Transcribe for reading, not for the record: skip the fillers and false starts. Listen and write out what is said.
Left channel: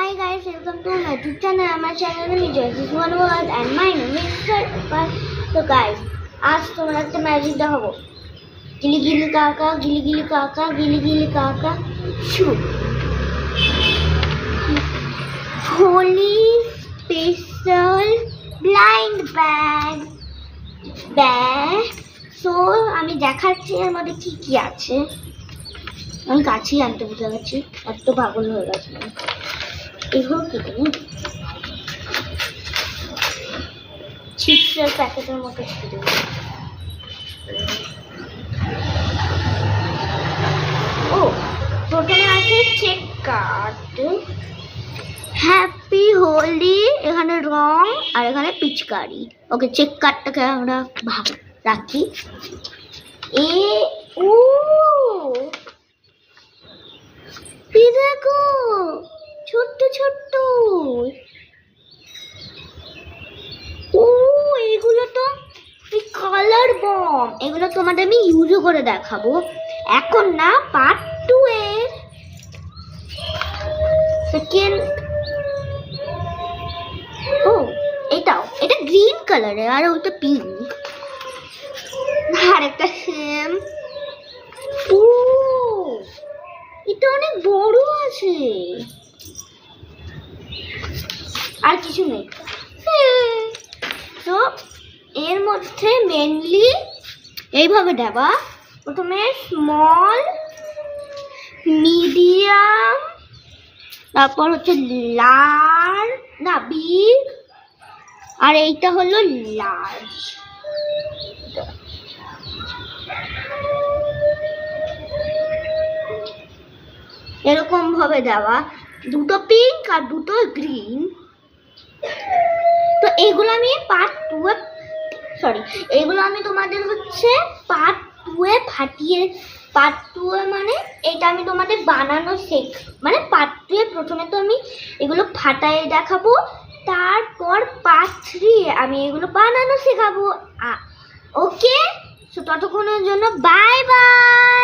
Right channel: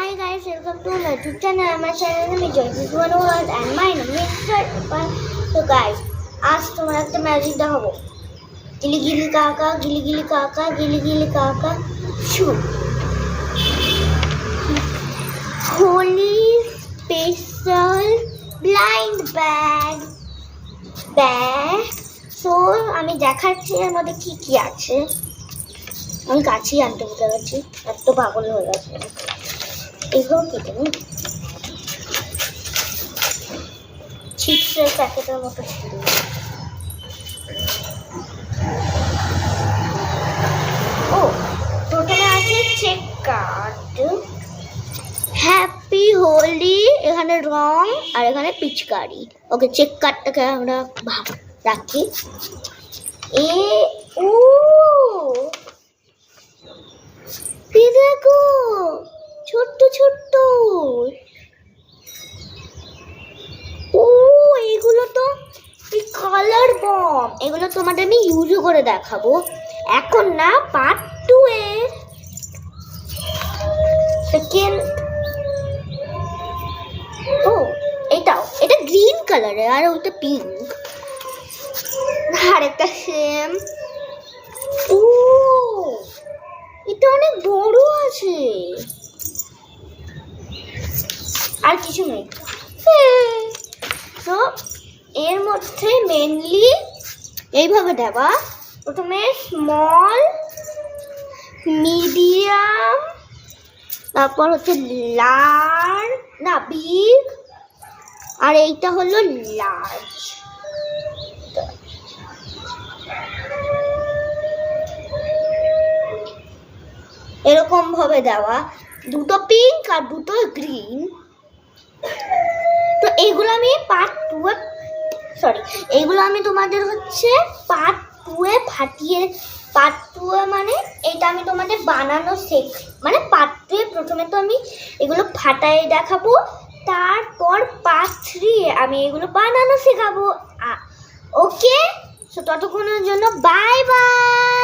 Hi guys, welcome to my YouTube channel. My channel name is Joyce World and my name is Joyce. So guys, आज तुम्हारा तो magic दा होगा. गिली गिली काका, गिली गिली काका, गिली गिली काका. शू. Holy special blind bag. So আমি দেখাচ্ছি এর মধ্যে কি কি আছে. আমি কাছেই আনতে বুঝে গেছি, এত পাগল হয়ে গেছে. এগুলো কি তুমি চিপসের প্যাকেটের মতো ছিল. ও প্রথমে আছে চেক কার্ড. হ্যাপি হোলি, এখানে রং আর এখানে পিচকারি. ওকে, চেক কার্ডটাকে আমরা রাখি. দেখো ছোট্ট ছোট্ট. ও এগুলো তো কালার বম. এগুলো তোমাদের আমি ইউজও করে দেখাবো এখন না, পার্ট 2 এর সেকেন্ড. ও এটা গ্রিন কালারের আর ওটা পিঙ্ক. আর একটা সেম. ও এটা অনেক বড় আছে. আর কিছু নেই. তো এর মধ্যে মেনলি এইভাবে দেবা. প্রথমে স্মল, মিডিয়াম, তারপর হচ্ছে বিগ, আর এইটা হলো লার্জ. এরকম ভাবে দেওয়া, দুটো পিঙ্ক আর দুটো গ্রিন. তো এইগুলো আমি এইগুলো আমি তোমাদের হচ্ছে পার্ট 2 এ ফাটিয়ে, পার্ট 2 এ মানে এটা আমি তোমাদের বানানো মানে পার্ট 2 এ প্রথমে তো আমি এগুলো ফাটায় দেখাবো, তারপর পার্ট 3 এ আমি এগুলো বানানো শেখাবো. ওকে, তো ততক্ষণের জন্য বাই বাই.